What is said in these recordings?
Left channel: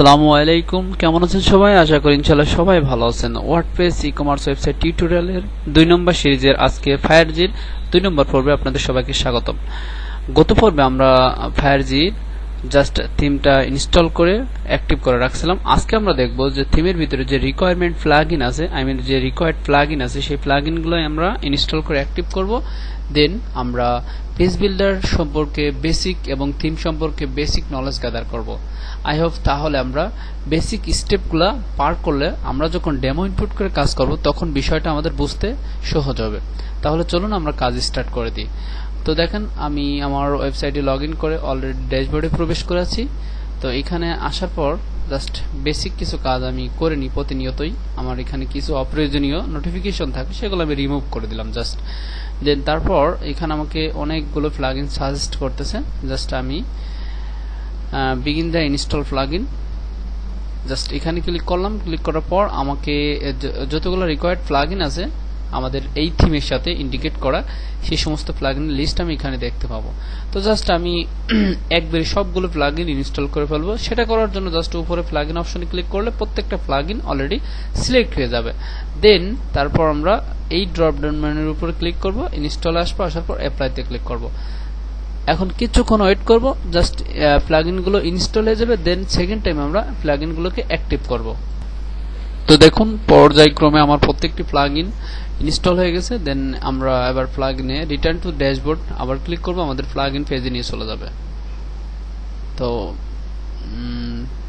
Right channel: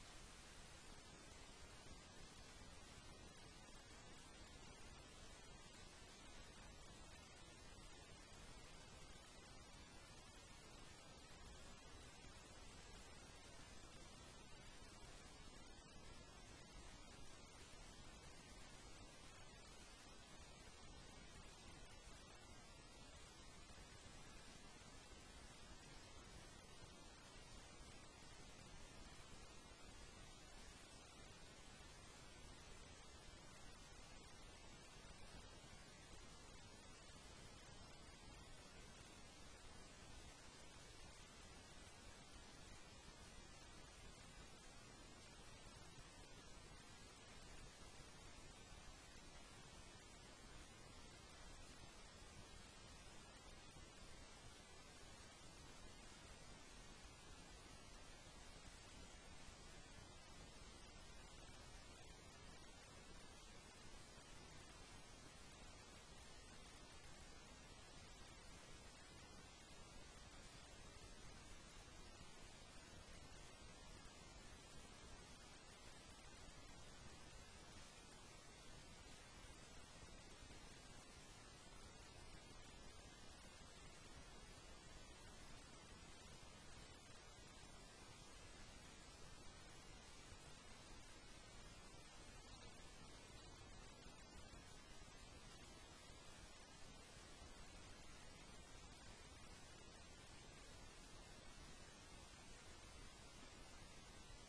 আসসালামু আলাইকুম, কেমন আছেন সবাই? আশা করি ইনশাআল্লাহ সবাই ভালো আছেন। ওয়ার্ডপ্রেস ই-কমার্স ওয়েবসাইট টিউটোরিয়ালের 2 নম্বর সিরিজের আজকে ফায়ারজির 2 নম্বর পর্বে আপনাদের সবাইকে স্বাগতম। গত পর্বে আমরা ফায়ারজির জাস্ট থিমটা ইনস্টল করে অ্যাক্টিভ করে রাখছিলাম। আজকে আমরা দেখব যে থিমের ভিতরে যে রিকোয়ারমেন্ট প্লাগইন আছে, যে রিকোয়ার্ড প্লাগইন আছে, সেই প্লাগইনগুলো আমরা ইনস্টল করে অ্যাক্টিভ করব। দেন আমরা পেজ বিল্ডার সম্পর্কে বেসিক এবং থিম সম্পর্কে বেসিক নলেজ গ্যাদার করব। আই হোপ তাহলে আমরা বেসিক স্টেপগুলো পার করলে আমরা যখন ডেমো ইনপুট করে কাজ করব তখন বিষয়টা আমাদের বুঝতে সহজ হবে। তাহলে চলুন আমরা কাজ স্টার্ট করে দিই। তো দেখেন, আমি আমার ওয়েবসাইটে লগইন করে অলরেডি ড্যাশবোর্ডে প্রবেশ করেছি। তো এখানে আসার পর জাস্ট বেসিক কিছু কাজ আমি করে নিই প্রতিনিয়তই। আমার এখানে কিছু অপ্রয়োজনীয় নোটিফিকেশন থাকে, সেগুলো আমি রিমুভ করে দিলাম জাস্ট। দেন তারপর এখানে আমাকে অনেকগুলো প্লাগইন সাজেস্ট করতেছে। জাস্ট আমি begin the install plugin just এখানে ক্লিক করলাম। ক্লিক করার পর আমাকে যতগুলো রিকোয়ার্ড প্লাগইন আছে আমাদের এই থিমের সাথে ইন্ডিকেট করা, সেই সমস্ত প্লাগইনের লিস্ট আমি এখানে দেখতে পাবো। তো জাস্ট আমি একবারে সবগুলো প্লাগইন ইনস্টল করে ফেলবো। সেটা করার জন্য জাস্ট উপরে প্লাগইন অপশনে ক্লিক করলে প্রত্যেকটা প্লাগইন অলরেডি সিলেক্ট হয়ে যাবে। দেন তারপর আমরা এই ড্রপ ডাউন মেনুর উপরে ক্লিক করব, ইনস্টল আসবে, আসার পর অ্যাপ্লাইতে ক্লিক করব। এখন কিছুক্ষণ ওয়েট করব, জাস্ট প্লাগইনগুলো ইনস্টল হয়ে যাবে। দেন সেকেন্ড টাইম আমরা প্লাগইনগুলোকে অ্যাক্টিভ করব। তো দেখুন, পর্যায়ক্রমে আমার প্রত্যেকটি প্লাগইন ইনস্টল হয়ে গেছে। দেন আমরা এবার প্লাগইনে রিটার্ন টু ড্যাশবোর্ড আবার ক্লিক করব, আমাদের প্লাগইন পেজে নিয়ে চলে যাবে। তো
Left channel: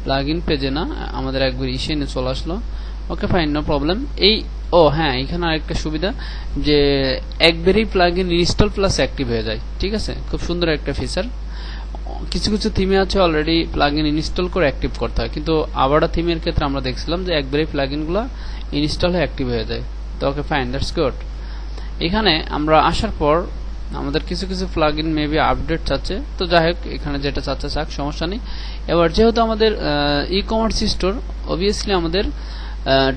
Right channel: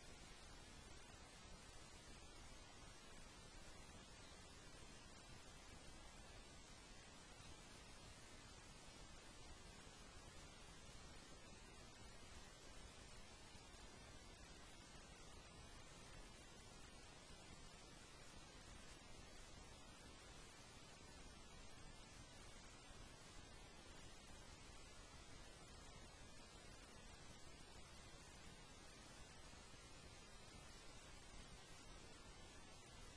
প্লাগইন পেজে না, আমাদের একবার ইসে নিয়ে চলে আসলো। Okay fine, no problem. হ্যাঁ, এখানে আরেকটা সুবিধা যে একবারেই প্লাগইন ইনস্টল প্লাস অ্যাক্টিভ হয়ে যায়। ঠিক আছে, খুব সুন্দর একটা ফিচার। কিছু কিছু থিমে আছে অলরেডি প্লাগইন ইনস্টল করে অ্যাক্টিভ করতে হয়, কিন্তু আবাডা থিমের ক্ষেত্রে আমরা দেখছিলাম যে একবারেই প্লাগইনগুলো ইনস্টল হয়ে অ্যাক্টিভ হয়ে যায়। তো ওকে ফাইন, দ্যাটস গুড। এখানে আমরা আসার পর আমাদের কিছু কিছু প্লাগইন মেবি আপডেট চাচ্ছে। তো যাই হোক, এখানে যেটা চাচ্ছে চাক, সমস্যা নেই। এবার যেহেতু আমাদের ই-কমার্স স্টোর, অবভিয়াসলি আমাদের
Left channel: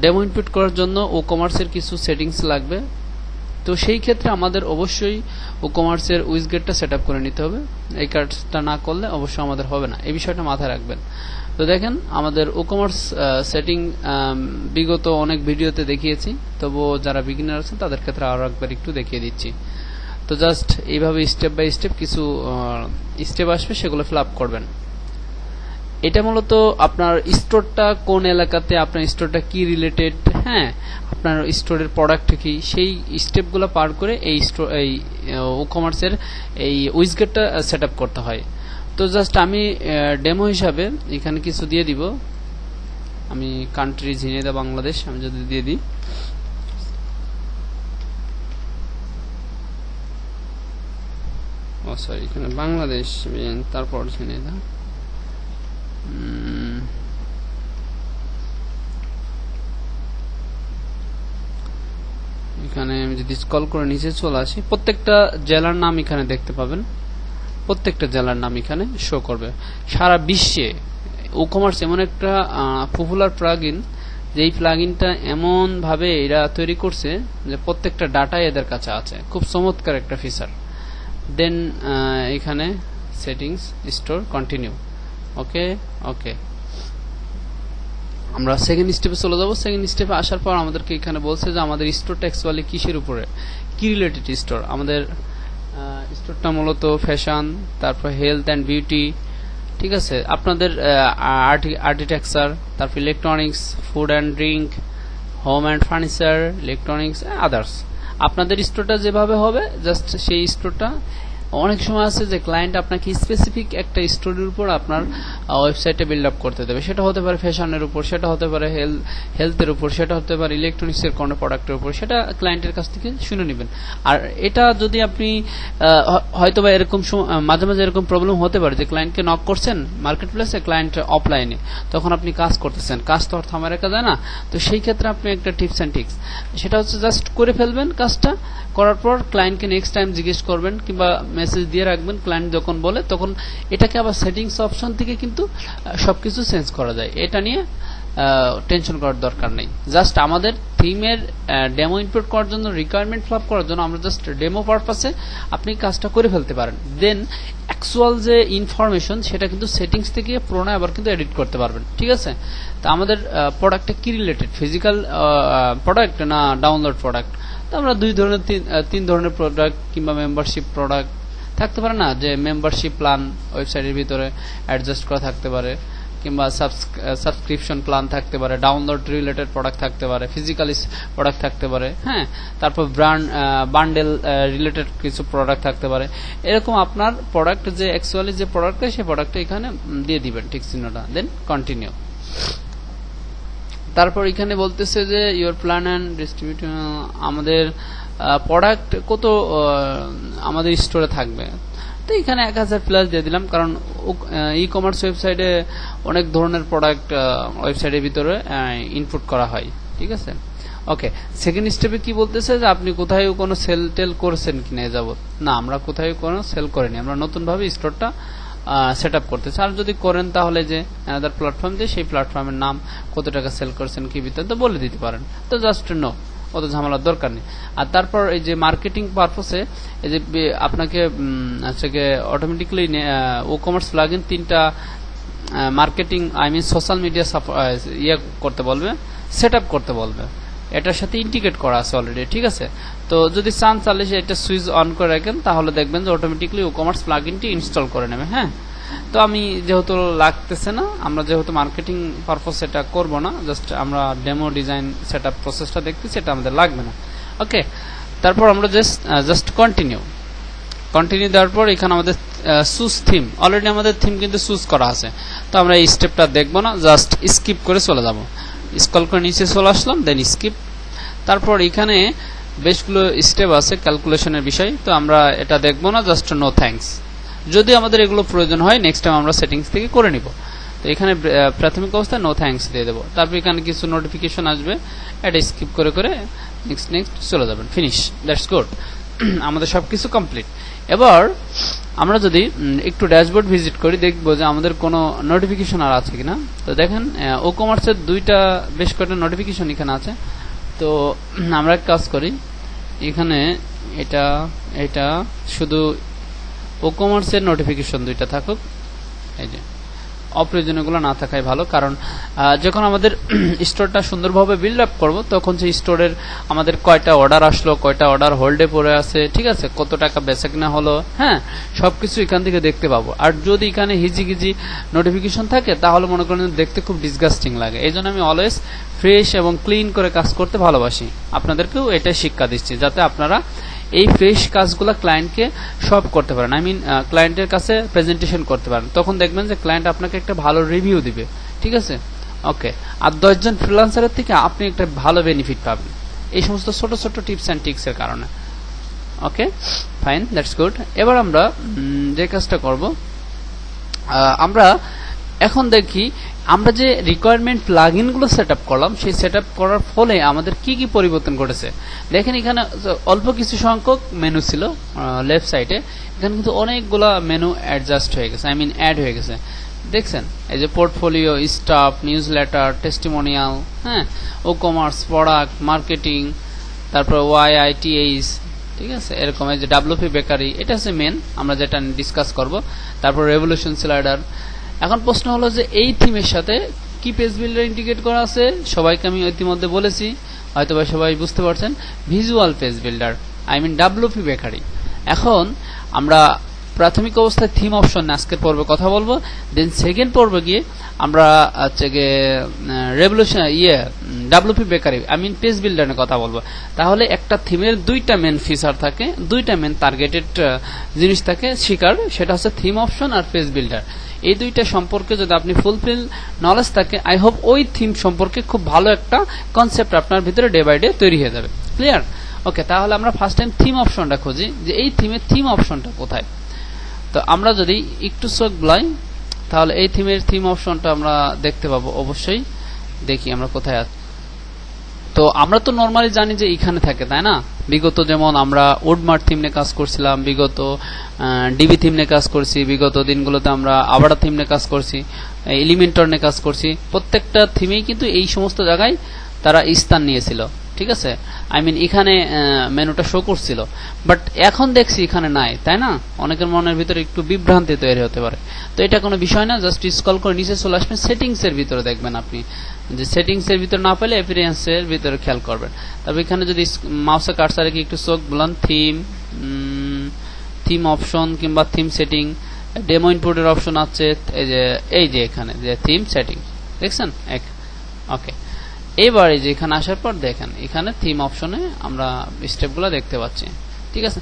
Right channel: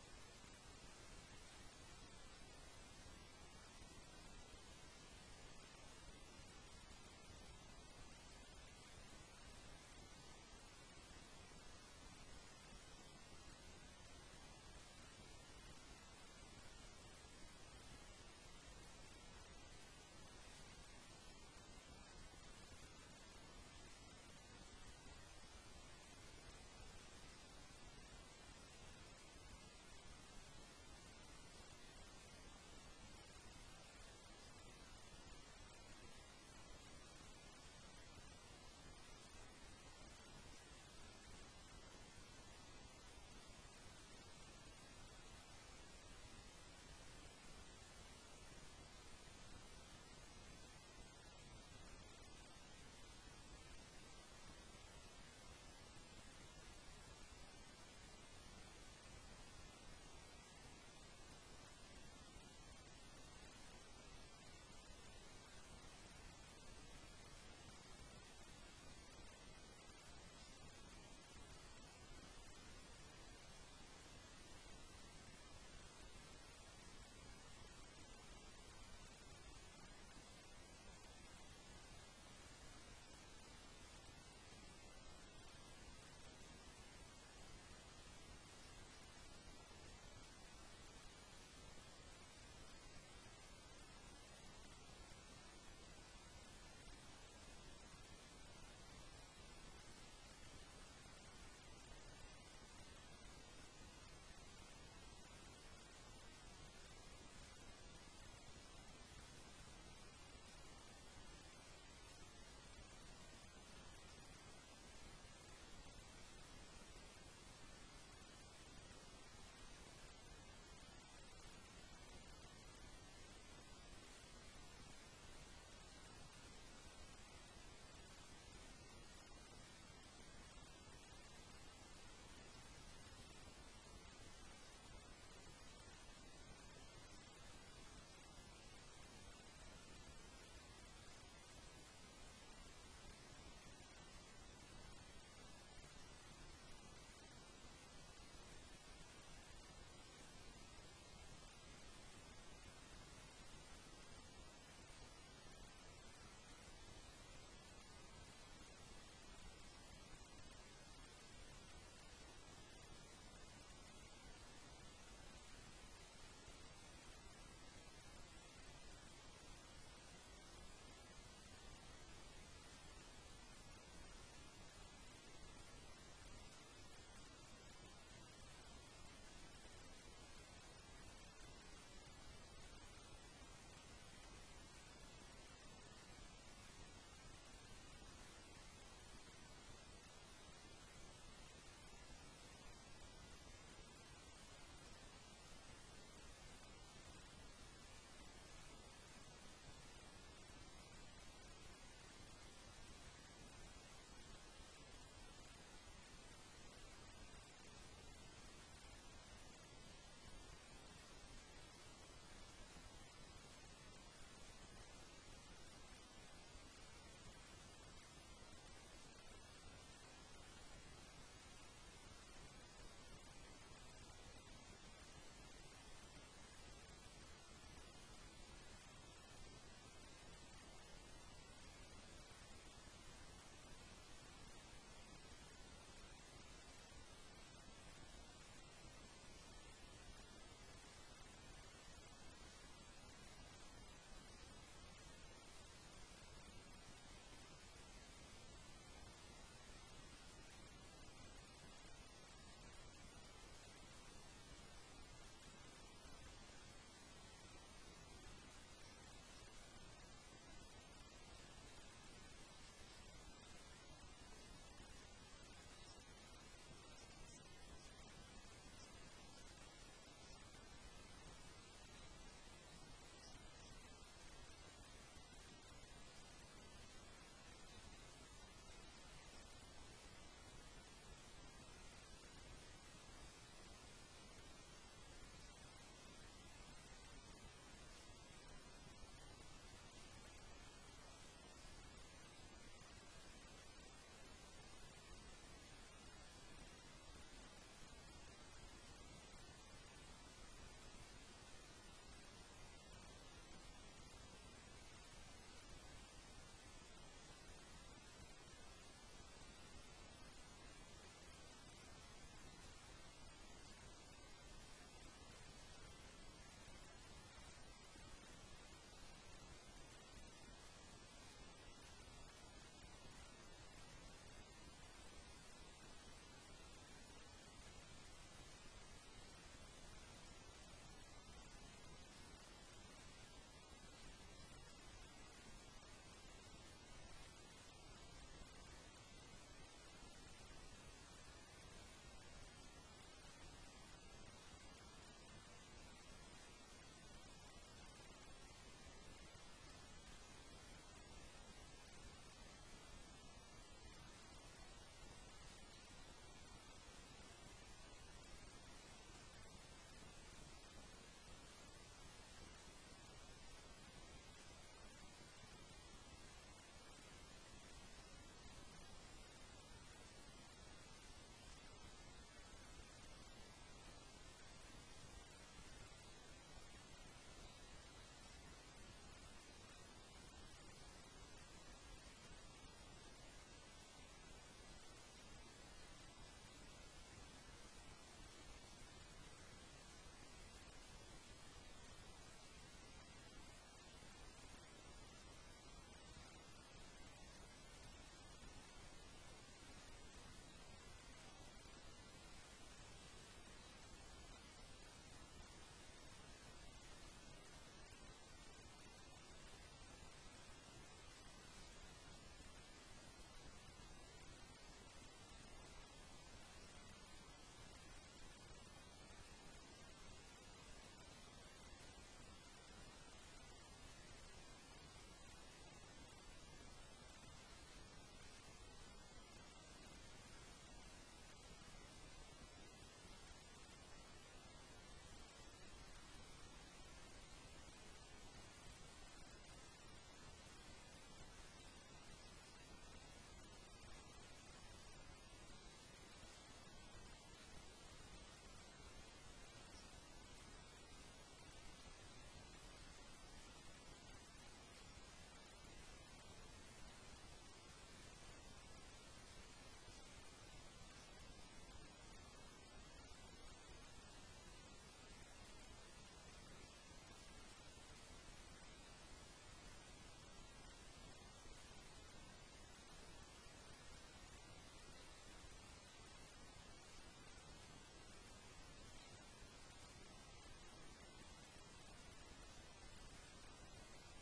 ডেমো ইনপুট করার জন্য ও কমার্সের কিছু সেটিংস লাগবে। তো সেই ক্ষেত্রে আমাদের অবশ্যই ও কমার্সের উইজগেটটা সেট আপ করে নিতে হবে। এই কাজটা না করলে অবশ্যই আমাদের হবে না, এই বিষয়টা মাথায় রাখবেন। তো দেখেন, আমাদের ও কমার্স সেটিং বিগত অনেক ভিডিওতে দেখিয়েছি, তবুও যারা বিগিনার আছেন তাদের ক্ষেত্রে আরো একবার একটু দেখিয়ে দিচ্ছি। তো জাস্ট এইভাবে স্টেপ বাই স্টেপ কিছু স্টেপ আসবে, সেগুলো ফিল আপ করবেন। এটা মূলত আপনার স্টোরটা কোন এলাকাতে, আপনার স্টোরটা কি রিলেটেড, হ্যাঁ, আপনার স্টোরের প্রোডাক্ট কি, সেই স্টেপগুলো পার করে এই ও কমার্সের এই উইজগেটটা সেট আপ করতে হয়। তো জাস্ট আমি ডেমো হিসাবে এখানে কিছু দিয়ে দিব। আমি কান্ট্রি ঝিনাইদহ বাংলাদেশ আমি যদি দিয়ে দিই, সরি, এখানে বাংলাদেশ, তারপর ঝিনাইদহ। এখানে আমি যদি স্ক্রল করে নিচে চলে আসি, প্রত্যেকটা জেলার নাম এখানে দেখতে পাবেন। প্রত্যেকটা জেলার নাম এখানে শো করবে। সারা বিশ্বে ও কমার্স এমন একটা পপুলার প্লাগইন, যে এই প্লাগইনটা এমন ভাবে এরা তৈরি করছে যে প্রত্যেকটা ডাটা এদের কাছে আছে। খুব চমৎকার একটা ফিচার। দেন এখানে সেটিংস, স্টোর, কন্টিনিউ। ওকে ওকে, আমরা সেকেন্ড স্টেপে চলে যাব। সেকেন্ড স্টেপে আসার পর আমাদেরকে এখানে বলছে যে আমাদের স্টোরটা অ্যাকচুয়ালি কিসের উপরে, কি রিলেটেড স্টোর। আমাদের স্টোরটা মূলত ফ্যাশন, তারপর হেলথ অ্যান্ড বিউটি, ঠিক আছে, আপনাদের আর্কিটেকচার, তারপর electronics, food and drink, home and furniture, electronics, others. আপনাদের স্টোরটা যেভাবে হবে, জাস্ট সেই স্টোরটা। অনেক সময় আছে যে ক্লায়েন্ট আপনাকে স্পেসিফিক একটা স্টোরের উপর আপনার ওয়েবসাইটে বিল্ড আপ করতে দেবে। সেটা হতে পারে ফ্যাশনের উপর, সেটা হতে পারে হেলথের উপর, সেটা হতে পারে ইলেকট্রনিক্সের কোনো প্রোডাক্টের উপর। সেটা ক্লায়েন্টের কাছ থেকে শুনে নেবেন। আর এটা যদি আপনি হয়তোবা এরকম মাঝে মাঝে এরকম প্রবলেম হতে পারে যে ক্লায়েন্টকে নক করছেন মার্কেট প্লেসে, ক্লায়েন্ট অফলাইনে, তখন আপনি কাজ করতেছেন, কাজ তো আর থামায় রাখা যায় না। তো সেই ক্ষেত্রে আপনি একটা টিপস অ্যান্ড ট্রিক্স, সেটা হচ্ছে জাস্ট করে ফেলবেন। কাজটা করার পর ক্লায়েন্টকে নেক্সট টাইম জিজ্ঞেস করবেন কিংবা মেসেজ দিয়ে রাখবেন। ক্লায়েন্ট যখন বলে তখন এটাকে আবার সেটিংস অপশন থেকে কিন্তু সবকিছু চেঞ্জ করা যায়। এটা নিয়ে টেনশন করার দরকার নেই। জাস্ট আমাদের থিমের ডেমো ইনপুট করার জন্য, রিকোয়ারমেন্ট ফ্লপ করার জন্য আমরা জাস্ট ডেমো পারপাসে আপনি কাজটা করে ফেলতে পারেন। দেন অ্যাকচুয়াল যে ইনফরমেশন সেটা কিন্তু সেটিংস থেকে পুরোনো আবার কিন্তু এডিট করতে পারবেন। ঠিক আছে, তো আমাদের প্রোডাক্টটা কি রিলেটেড, ফিজিক্যাল প্রোডাক্ট না ডাউনলোড প্রোডাক্ট? তো আমরা তিন ধরনের প্রোডাক্ট কিংবা মেম্বারশিপ প্রোডাক্ট থাকতে পারে না, যে মেম্বারশিপ প্ল্যান ওয়েবসাইটের ভিতরে অ্যাডজাস্ট করা থাকতে পারে, কিংবা সাবস্ক্রিপশন প্ল্যান থাকতে পারে, ডাউনলোড রিলেটেড প্রোডাক্ট থাকতে পারে, ফিজিক্যাল প্রোডাক্ট থাকতে পারে, হ্যাঁ, তারপর বান্ডেল রিলেটেড কিছু প্রোডাক্ট থাকতে পারে। এরকম আপনার প্রোডাক্ট যে অ্যাকচুয়ালি যে প্রোডাক্টটা, সেই প্রোডাক্টটা এখানে দিয়ে দিবেন ঠিক চিহ্নটা, দেন কন্টিনিউ। তারপর এখানে বলতেছে যে ইওর প্ল্যান অ্যান্ড ডিস্ট্রিবিউট, আমাদের প্রোডাক্ট কত আমাদের স্টোরে থাকবে। তো এখানে 1000 প্লাস দিয়ে দিলাম, কারণ ই কমার্স ওয়েবসাইটে অনেক ধরনের প্রোডাক্ট ওয়েবসাইটের ভিতরে ইনপুট করা হয়। ঠিক আছে, ওকে। সেকেন্ড স্টেপে কি বলতেছে যে আপনি কোথায় কোনো সেল টেল করছেন কিনা যাবত। না, আমরা কোথায় কোনো সেল করিনি, আমরা নতুনভাবে স্টোরটা সেট আপ করতেছি। আর যদি করেন তাহলে যে অ্যানাদার প্ল্যাটফর্ম দিয়ে সেই প্ল্যাটফর্মের নাম, কত টাকা সেল করছেন, কি ভিতরে তো বলে দিতে পারেন। তো জাস্ট নো, অত ঝামেলার দরকার নেই। আর তারপর এই যে মার্কেটিং পারপসে এই যে আপনাকে অটোমেটিক্যালি ও কমার্স প্লাগইন 3টা মার্কেটিং সোশ্যাল মিডিয়া ইয়ে করতে বলবে, সেট আপ করতে বলবে। এটার সাথে ইন্টিগ্রেট করা আছে অলরেডি। ঠিক আছে, তো যদি চান তাহলে এটা সুইচ অন করে রাখেন, তাহলে দেখবেন যে অটোমেটিক্যালি ও কমার্স প্লাগইনটি ইনস্টল করে নেবে। হ্যাঁ, তো আমি যেহেতু লাগতেছে না, আমরা যেহেতু মার্কেটিং পারপস এটা করব না, জাস্ট আমরা ডেমো ডিজাইন সেটআপ প্রসেসটা দেখতেছি, এটা আমাদের লাগবে না। ওকে, তারপর আমরা জাস্ট কন্টিনিউ দেওয়ার পর এখানে আমাদের চুজ থিম, অলরেডি আমাদের থিম কিন্তু চুজ করা আছে। তো আমরা এই স্টেপটা দেখবো না, জাস্ট স্কিপ করে চলে যাব। স্ক্রল করে নিচে চলে আসলাম, দেন স্কিপ। তারপর এখানে বেশগুলো স্টেপ আছে ক্যালকুলেশনের বিষয়, তো আমরা এটা দেখবো না, জাস্ট নো থ্যাঙ্কস। যদি আমাদের এগুলো প্রয়োজন হয় নেক্সট টাইম আমরা সেটিংস থেকে করে নিব। তো এখানে প্রাথমিক অবস্থায় নো থ্যাঙ্কস দিয়ে দেবো। তারপর এখানে কিছু নোটিফিকেশন আসবে, এটা স্কিপ করে নেক্সট চলে যাবেন, ফিনিশ, দ্যাটস গুড। আমাদের সবকিছু কমপ্লিট। এবার আমরা যদি একটু ড্যাশবোর্ড ভিজিট করি, দেখবো যে আমাদের কোনো নোটিফিকেশন আর আছে কিনা। তো দেখেন ও কমার্সের বেশ কয়েকটা নোটিফিকেশন এখানে আছে। তো আমরা এক কাজ করি, এখানে এটা শুধু ও কমার্সের নোটিফিকেশন 2টা থাকুক, এই যে অপ্রয়োজনীয়গুলো না থাকাই ভালো। কারণ যখন আমাদের স্টোরটা সুন্দরভাবে বিল্ড আপ করবো, তখন সেই স্টোরের আমাদের কয়টা অর্ডার আসলো, কয়টা অর্ডার হোল্ডে পড়ে আছে, ঠিক আছে, কত টাকা বেচাকেনা হলো, হ্যাঁ, সবকিছু এখান থেকে দেখতে পাবো। আর যদি এখানে হিজিগিজি নোটিফিকেশন থাকে, তাহলে মনে করেন দেখতে খুব ডিসগাস্টিং লাগে। এই জন্য আমি অলওয়েজ ফ্রেশ এবং ক্লিন করে কাজ করতে ভালোবাসি। আপনাদেরকেও এটাই শিক্ষা দিচ্ছি, যাতে আপনারা এই ফ্রেশ কাজগুলো ক্লায়েন্টকে সব করতে পারেন, ক্লায়েন্টের কাছে প্রেজেন্টেশন করতে পারেন। তখন দেখবেন যে ক্লায়েন্ট আপনাকে একটা ভালো রিভিউ দিবে। ঠিক আছে, ওকে। আর 10 জন ফ্রিল্যান্সারের থেকে আপনি একটা ভালো বেনিফিট পাবেন এই সমস্ত ছোট ছোট টিপস অ্যান্ড ট্রিক্স এর কারণে। ওকে, ফাইন, দ্যাটস গুড। এবার আমরা যে কাজটা করব, আমরা এখন দেখি আমরা যে রিকোয়ারমেন্ট প্লাগইন গুলো সেটআপ করলাম, সেই সেটআপ করার ফলে আমাদের কি কি পরিবর্তন ঘটেছে। দেখেন এখানে অল্প কিছু সংখ্যক মেনু ছিল লেফট সাইডে, এখানে কিন্তু অনেকগুলো মেনু অ্যাডজাস্ট হয়ে গেছে, অ্যাড হয়ে গেছে। দেখছেন এই যে পোর্টফোলিও, স্টাফ, নিউজলেটার, টেস্টিমোনিয়াল, হ্যাঁ, ও কমার্স, প্রোডাক্ট, মার্কেটিং, তারপর YITH, ঠিক আছে, এরকম এই যে WP বেকারি, এটা হচ্ছে মেন, আমরা যেটা ডিসকাস করব। তারপর রেভলিউশন স্লাইডার। এখন প্রশ্ন হলো যে এই থিমের সাথে কি পেজ বিল্ডার ইন্টিগ্রেট করা আছে। সবাইকে আমি ইতিমধ্যে বলেছি, হয়তো বা সবাই বুঝতে পারছেন, visual page builder, WP bakery. এখন আমরা প্রাথমিক অবস্থায় থিম অপশন আজকের পর্বে কথা বলবো, দেন সেকেন্ড পর্বে গিয়ে আমরা revolution WP bakery page builder নিয়ে কথা বলবো। তাহলে একটা থিমের 2টা মেন ফিচার থাকে, 2টা মেন টার্গেটেড জিনিস থাকে শিকার, সেটা হচ্ছে থিম অপশন আর পেজ বিল্ডার। এই 2টা সম্পর্কে যদি আপনি ফুলফিল নলেজ থাকে, আই হোপ ওই থিম সম্পর্কে খুব ভালো একটা কনসেপ্ট আপনার ভিতরে ডে বাই ডে তৈরি হয়ে যাবে। ক্লিয়ার? ওকে, তাহলে আমরা ফার্স্ট টাইম থিম অপশনটা খুঁজি, যে এই থিমের থিম অপশনটা কোথায়। তো আমরা যদি একটু চোখ বুলাই, তাহলে এই থিমের থিম অপশনটা আমরা দেখতে পাবো। অবশ্যই দেখি আমরা কোথায় আছি। তো আমরা তো নরমালি জানি যে এখানে থাকে, তাই না? বিগত যেমন আমরা উডমার্ট থিম নিয়ে কাজ করছিলাম, বিগত ডিবি থিম নিয়ে কাজ করছি, বিগত দিনগুলোতে আমরা আবাডা থিম নিয়ে কাজ করছি, এলিমেন্টর নিয়ে কাজ করছি। প্রত্যেকটা থিমেই কিন্তু এই সমস্ত জায়গায় তারা স্থান নিয়েছিল, ঠিক আছে? আই মিন এখানে মেনুটা শো করছিল, বাট এখন দেখছি এখানে নাই, তাই না? অনেকের মনের ভিতরে একটু বিভ্রান্তি তৈরি হতে পারে। তো এটা কোনো বিষয় না, জাস্ট স্ক্রল করে নিচে চলে আসবেন, সেটিংস এর ভিতরে দেখবেন আপনি যে সেটিংস এর ভিতরে না পেলে অ্যাপিয়ারেন্স এর ভিতরে খেয়াল করবেন। তবে এখানে যদি মাউসে কার্সার রেখে একটু চোখ বুলান, থিম অপশন কিংবা থিম সেটিং, ডেমো ইনপুটের অপশন আছে, এই যে এখানে যে থিম সেটিং দেখছেন, ওকে। এবার এই যে এখানে আসার পর দেখেন এখানে থিম অপশনে আমরা স্টেপগুলো দেখতে পাচ্ছি, ঠিক আছে?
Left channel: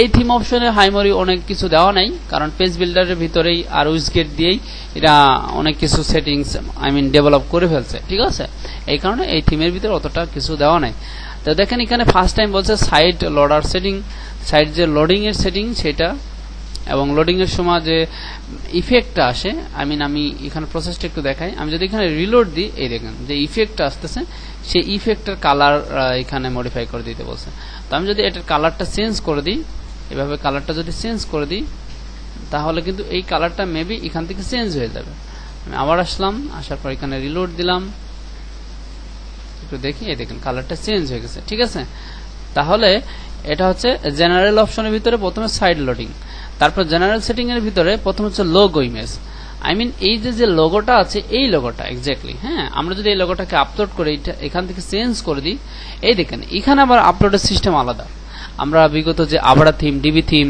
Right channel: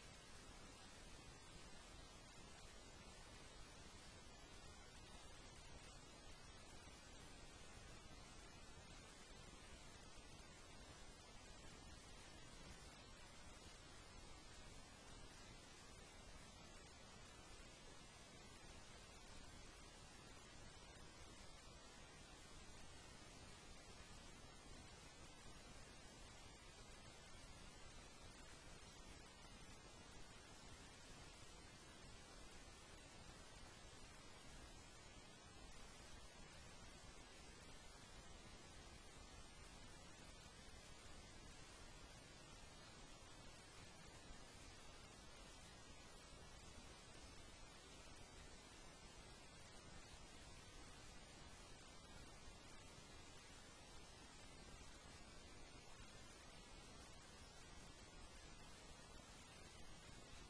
এই থিম অপশনে হাইমরি অনেক কিছু দেওয়া নাই, কারণ পেজ বিল্ডারের ভিতরেই আর উইজগেট দিয়েই এরা অনেক কিছু সেটিংস আই মিন ডেভেলপ করে ফেলছে, ঠিক আছে? এই কারণে এই থিমের ভিতরে অতটা কিছু দেওয়া নাই। তো দেখেন এখানে ফার্স্ট টাইম বলছে সাইট লোডার সেটিং, সাইট যে লোডিং এর সেটিং সেটা, এবং লোডিং এর সময় যে ইফেক্টটা আসে, আই মিন আমি এখানে প্রসেসটা একটু দেখাই। আমি যদি এখানে রিলোড দিই, এই দেখেন যে ইফেক্টটা আসতেছে, সেই ইফেক্টের কালার এখানে মডিফাই করে দিতে বলছে। তো আমি যদি এটার কালারটা চেঞ্জ করে দিই, এভাবে কালারটা যদি চেঞ্জ করে দিই, তাহলে কিন্তু এই কালারটা মেবি এখান থেকে চেঞ্জ হয়ে যাবে। আমি আবার আসলাম, আসার পর এখানে রিলোড দিলাম, একটু দেখি, এই দেখেন কালারটা চেঞ্জ হয়ে গেছে, ঠিক আছে? তাহলে এটা হচ্ছে জেনারেল অপশনের ভিতরে প্রথমে সাইড লোডিং, তারপর জেনারেল সেটিং এর ভিতরে প্রথম হচ্ছে লোগো ইমেজ। আই মিন এই যে লোগোটা আছে, এই লোগোটা এক্স্যাক্টলি, হ্যাঁ, আমরা যদি এই লোগোটাকে আপলোড করে এখান থেকে চেঞ্জ করে দিই, এই দেখেন এখানে আবার আপলোডের সিস্টেম আলাদা। আমরা বিগত যে আবাডা থিম, ডিবি থিম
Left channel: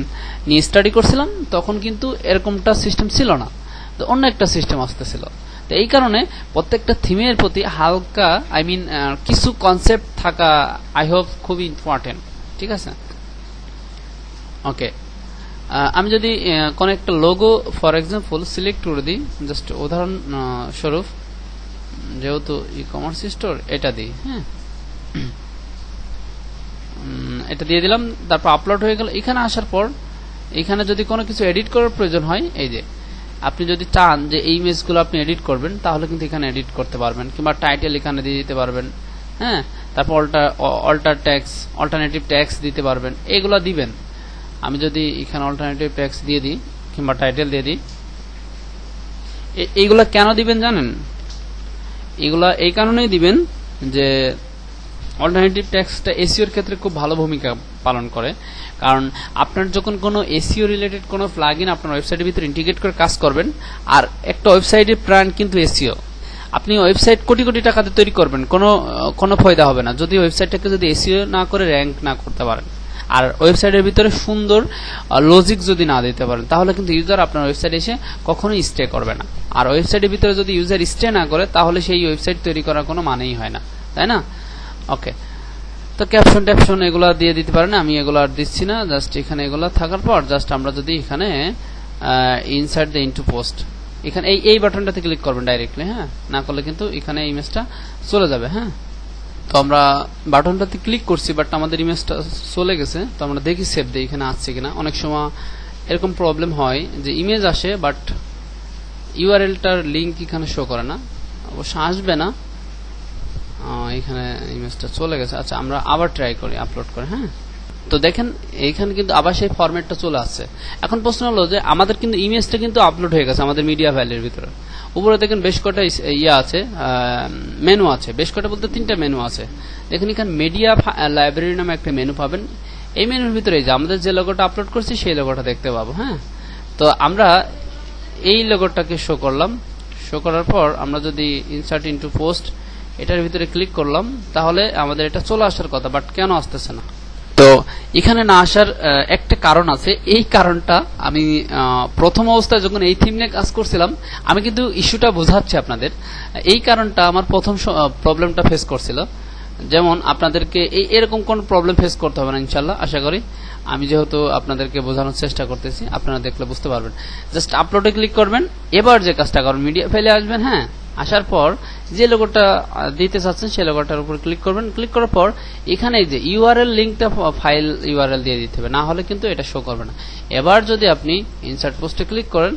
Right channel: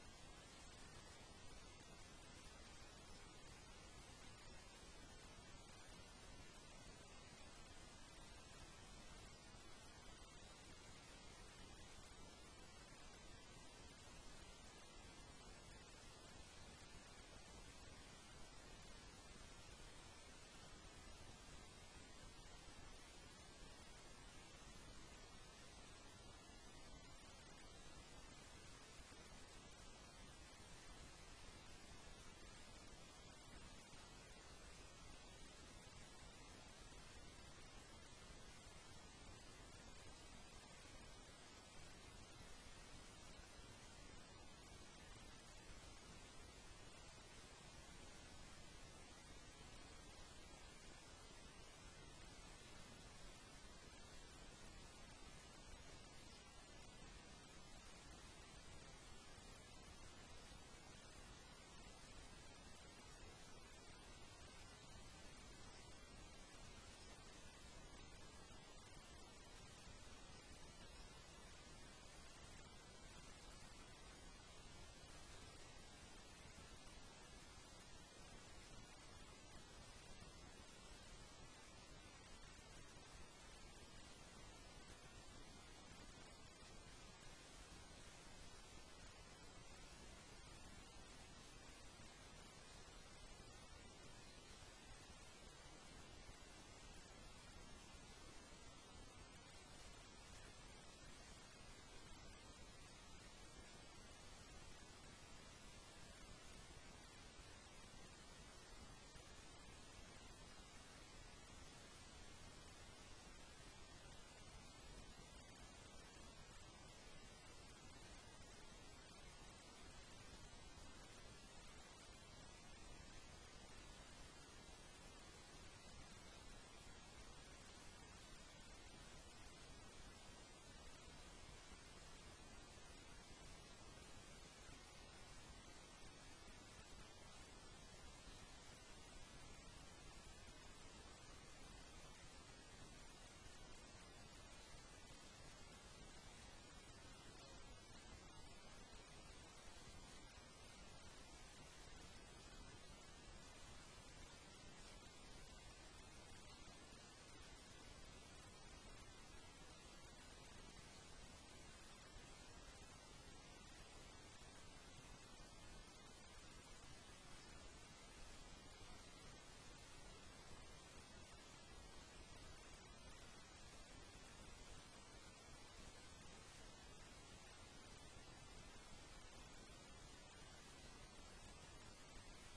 নিয়ে স্টাডি করছিলাম, তখন কিন্তু এরকমটা সিস্টেম ছিল না, তো অন্য একটা সিস্টেম আসতেছিল। তো এই কারণে প্রত্যেকটা থিমের প্রতি হালকা আই মিন কিছু কনসেপ্ট থাকা আই হোপ খুবই ইম্পর্টেন্ট, ঠিক আছে? ওকে, আমি যদি কোন একটা লোগো ফর এক্সাম্পল সিলেক্ট করে দিই, জাস্ট উদাহরণ স্বরূপ, যেহেতু ই কমার্স স্টোর, এটা দিই, হ্যাঁ, এটা দিয়ে দিলাম, তারপর আপলোড হয়ে গেল। এখানে আসার পর এখানে যদি কোনো কিছু এডিট করার প্রয়োজন হয়, এই যে আপনি যদি চান যে এই ইমেজগুলো আপনি এডিট করবেন, তাহলে কিন্তু এখানে এডিট করতে পারবেন, কিংবা টাইটেল এখানে দিয়ে দিতে পারবেন, হ্যাঁ, তারপর অল্টারনেটিভ ট্যাক্স দিতে পারবেন, এগুলো দিবেন। আমি যদি এখানে অল্টারনেটিভ ট্যাক্স দিয়ে দিই কিংবা টাইটেল দিয়ে দিই, এইগুলা কেন দিবেন জানেন? এগুলা এই কারণেই দিবেন যে অল্টারনেটিভ ট্যাক্সটা এসইওর ক্ষেত্রে খুব ভালো ভূমিকা পালন করে। কারণ আপনার যখন কোনো এসইও রিলেটেড কোনো প্লাগইন আপনার ওয়েবসাইটের ভিতরে ইন্টিগ্রেট করে কাজ করবেন, আর একটা ওয়েবসাইটের প্রাণ কিন্তু এসইও। আপনি ওয়েবসাইট কোটি কোটি টাকাতে তৈরি করবেন, কোনো ফায়দা হবে না যদি ওয়েবসাইটটাকে যদি এসইও না করে র্যাঙ্ক না করতে পারেন, আর ওয়েবসাইটের ভিতরে সুন্দর লজিক যদি না দিতে পারেন, তাহলে কিন্তু ইউজার আপনার ওয়েবসাইটে এসে কখনোই স্টে করবে না। আর ওয়েবসাইটের ভিতরে যদি ইউজার স্টে না করে, তাহলে সেই ওয়েবসাইট তৈরি করার কোনো মানেই হয় না, তাই না? ওকে, তো ক্যাপশন ট্যাপশন এগুলো দিয়ে দিতে পারেন, আমি এগুলো আর দিচ্ছি না। জাস্ট এখানে এগুলো থাকার পর জাস্ট আমরা যদি এখানে ইনসার্ট দ্য ইনটু পোস্ট, এখানে এই বাটনটাতে ক্লিক করবেন ডাইরেক্টলি, হ্যাঁ, না করলে কিন্তু এখানে ইমেজটা চলে যাবে। হ্যাঁ, তো আমরা বাটনটাতে ক্লিক করছি, বাট আমাদের ইমেজটা চলে গেছে। তো আমরা দেখি সেভ দেই এখানে আসছে কিনা। অনেক সময় এরকম প্রবলেম হয় যে ইমেজ আসে বাট ইউআরএলটার লিঙ্ক এখানে শো করে না, অবশ্য আসবে না, এখানে ইমেজটা চলে গেছে। আচ্ছা, আমরা আবার ট্রাই করি আপলোড করে। হ্যাঁ, তো দেখেন এইখানে কিন্তু আবার সেই ফরম্যাটটা চলে আসছে। এখন প্রশ্ন হলো যে আমাদের কিন্তু ইমেজটা কিন্তু আপলোড হয়ে গেছে আমাদের মিডিয়া ফাইলের ভিতরে। উপরে দেখেন বেশ কটা ইয়ে আছে, মেনু আছে, বেশ কটা বলতে 3টা মেনু আছে। দেখেন এখানে মিডিয়া লাইব্রেরি নামে একটা মেনু পাবেন। এই মেনুর ভিতরে যে আমাদের যে লোগোটা আপলোড করছি সেই লোগোটা দেখতে পাবো। হ্যাঁ, তো আমরা এই লোগোটাকে শো করলাম। শো করার পর আমরা যদি ইনসার্ট ইনটু পোস্ট এটার ভিতরে ক্লিক করলাম, তাহলে আমাদের এটা চলে আসার কথা, বাট কেন আসতেছে না? তো এখানে না আসার একটা কারণ আছে। এই কারণটা আমি প্রথম অবস্থায় যখন এই থিম নিয়ে কাজ করছিলাম, আমি কিন্তু ইস্যুটা বোঝাচ্ছি আপনাদের। এই কারণটা আমার প্রথম প্রবলেমটা ফেস করছিল। যেমন আপনাদেরকে এরকম কোন প্রবলেম ফেস করতে হবে না ইনশাল্লাহ, আশা করি। আমি যেহেতু আপনাদেরকে বোঝানোর চেষ্টা করতেছি, আপনারা দেখলে বুঝতে পারবেন। জাস্ট আপলোডে ক্লিক করবেন। এবার যে কাজটা করবেন, মিডিয়া ফাইলে আসবেন। হ্যাঁ, আসার পর যে লোগোটা দিতে চাচ্ছেন সেই লোগোটার উপর ক্লিক করবেন। ক্লিক করার পর এখানে যে ইউআরএল লিঙ্কটা ফাইল ইউআরএল দিয়ে দিতে হবে, না হলে কিন্তু এটা শো করবে না। এবার যদি আপনি ইনসার্ট পোস্টে ক্লিক করেন,